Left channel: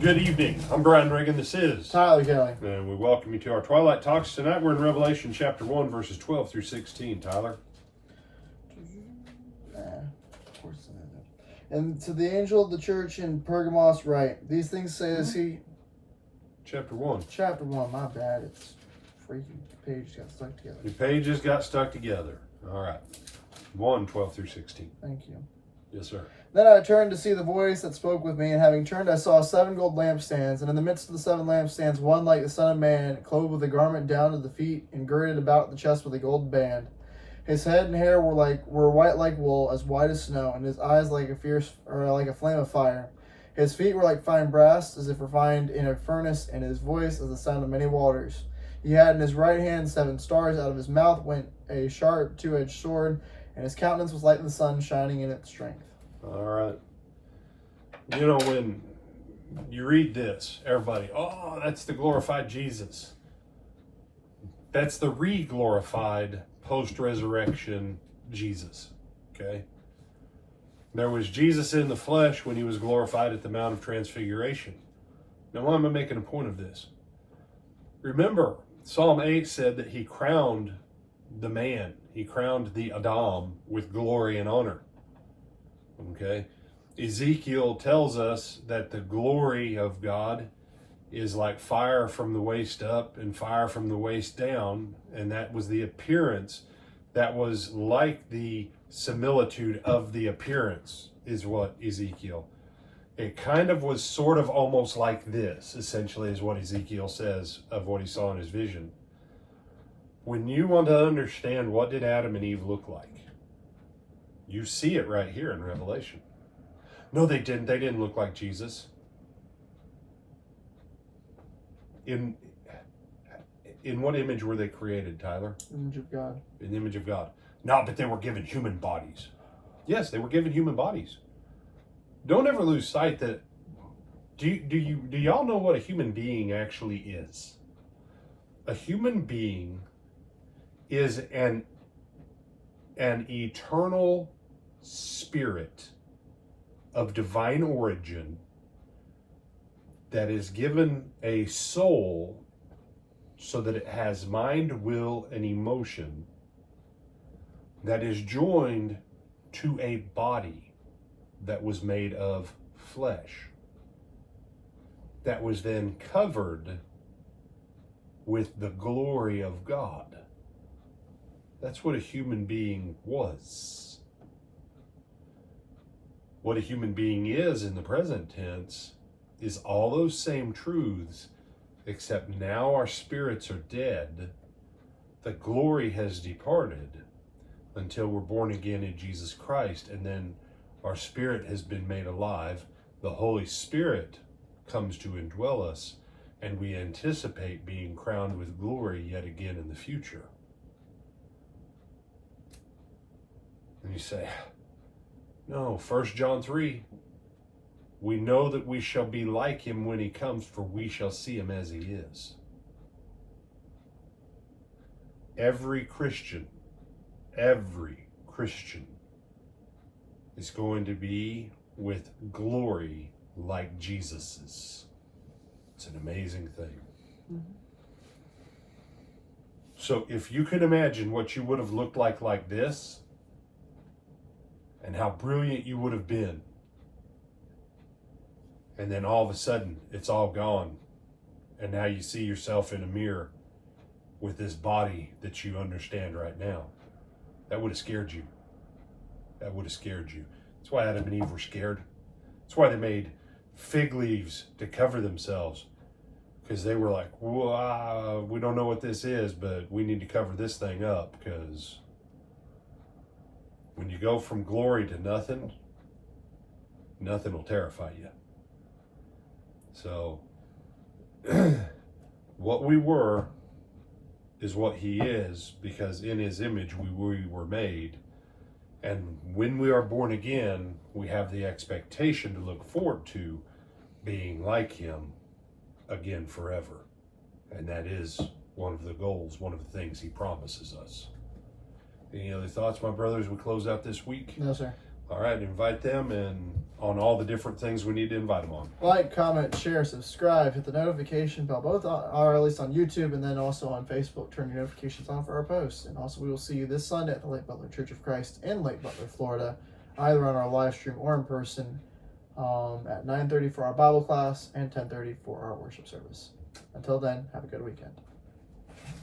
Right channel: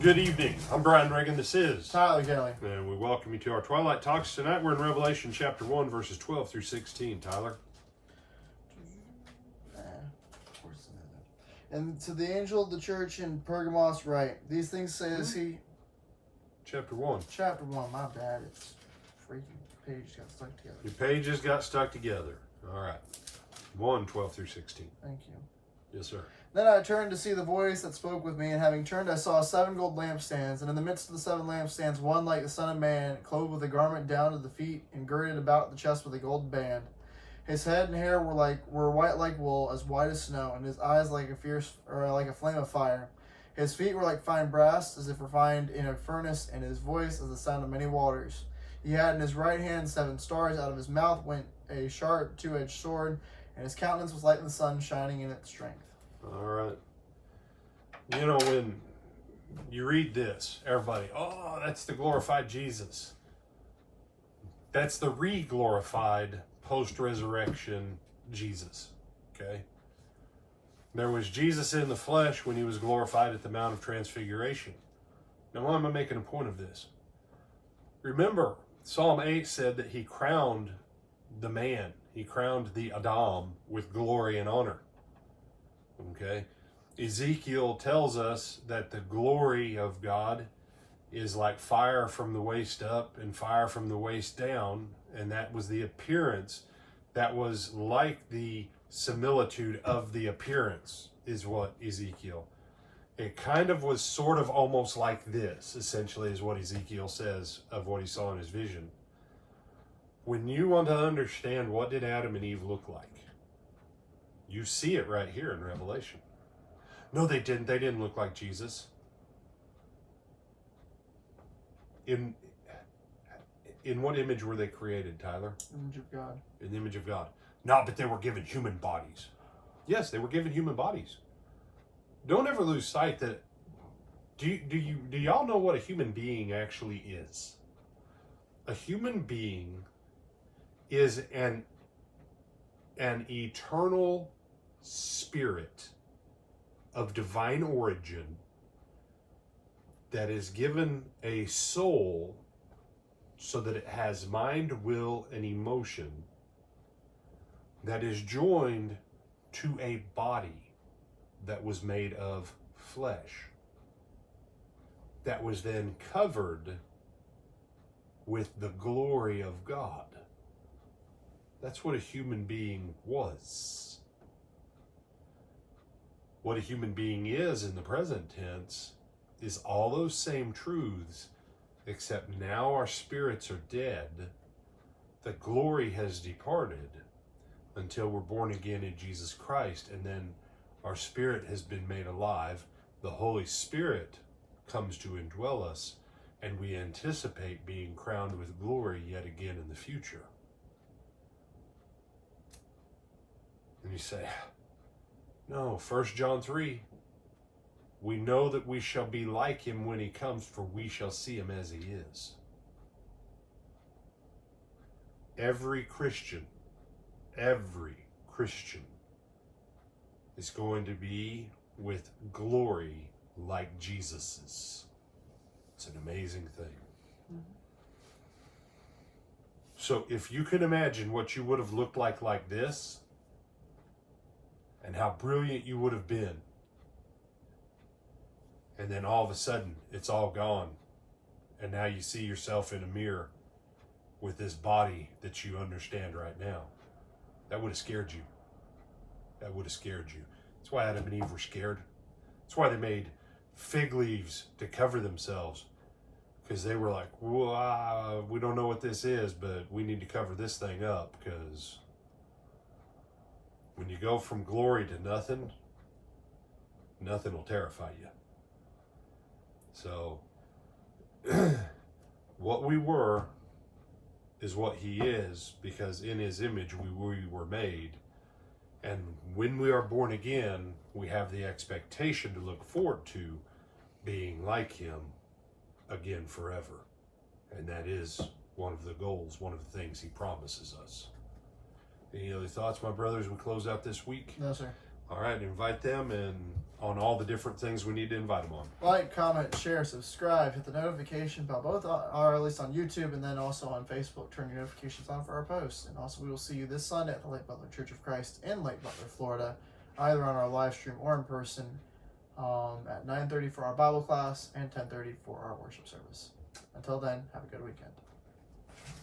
Good evening. I'm Brian Reagan. This is Tyler Kelly. And we welcome you to our Twilight Talks. Tonight we're in Revelation chapter 1, verses 12 through 16. Tyler. And to the angel of the church in Pergamos write, these things says he... Chapter 1. Chapter 1, my bad. It's freaking page got stuck together. Your pages got stuck together. All right. 1, 12 through 16. Thank you. Yes, sir. Then I turned to see the voice that spoke with me, and having turned I saw 7 gold lampstands, and in the midst of the 7 lampstands one like the Son of Man, clothed with a garment down to the feet, and girded about the chest with a gold band. His head and hair were white like wool, as white as snow, and his eyes like a flame of fire. His feet were like fine brass, as if refined in a furnace, and his voice as the sound of many waters. He had in his right hand 7 stars. Out of his mouth went a sharp 2-edged sword, and his countenance was like the sun shining in its strength. All right. You know, when you read this, everybody, oh, that's the glorified Jesus. That's the re-glorified post-resurrection Jesus, okay? There was Jesus in the flesh when he was glorified at the Mount of Transfiguration. Now, why am I making a point of this? Remember, Psalm 8 said that he crowned the man, he crowned the Adam with glory and honor, okay? Ezekiel tells us that the glory of God is like fire from the waist up and fire from the waist down, and that was the appearance that was like the similitude of the appearance, is what Ezekiel. It kind of was sort of almost like this, essentially, is what Ezekiel says of what he saw in his vision. When you want to understand what did Adam and Eve look like, you see it right here in Revelation. No, they didn't. They didn't look like Jesus. In what image were they created, Tyler? Image of God. In the image of God. Not that they were given human bodies. Yes, they were given human bodies. Don't ever lose sight that, do y'all know what a human being actually is? A human being is an eternal spirit of divine origin that is given a soul so that it has mind, will, and emotion that is joined to a body that was made of flesh, that was then covered with the glory of God. That's what a human being was. What a human being is in the present tense is all those same truths, except now our spirits are dead. The glory has departed until we're born again in Jesus Christ, and then our spirit has been made alive. The Holy Spirit comes to indwell us, and we anticipate being crowned with glory yet again in the future. And you say, no, 1 John 3, we know that we shall be like him when he comes, for we shall see him as he is. Every Christian is going to be with glory like Jesus's. It's an amazing thing. Mm-hmm. So if you can imagine what you would have looked like this, and how brilliant you would have been, and then all of a sudden it's all gone, and now you see yourself in a mirror with this body that you understand right now, that would have scared you. That would have scared you. That's why Adam and Eve were scared. That's why they made fig leaves to cover themselves, because they were like, well, we don't know what this is, but we need to cover this thing up, because when you go from glory to nothing, nothing will terrify you. So, what we were is what he is, because in his image we were made. And when we are born again, we have the expectation to look forward to being like him again forever. And that is one of the goals, one of the things he promises us. Any other thoughts, my brothers, we close out this week? No, sir. All right, invite them and on all the different things we need to invite them on. Like, comment, share, subscribe, hit the notification bell, both are at least on YouTube and then also on Facebook. Turn your notifications on for our posts. And also, we will see you this Sunday at the Lake Butler Church of Christ in Lake Butler, Florida, either on our live stream or in person at 9:30 for our Bible class and 10:30 for our worship service. Until then, have a good weekend.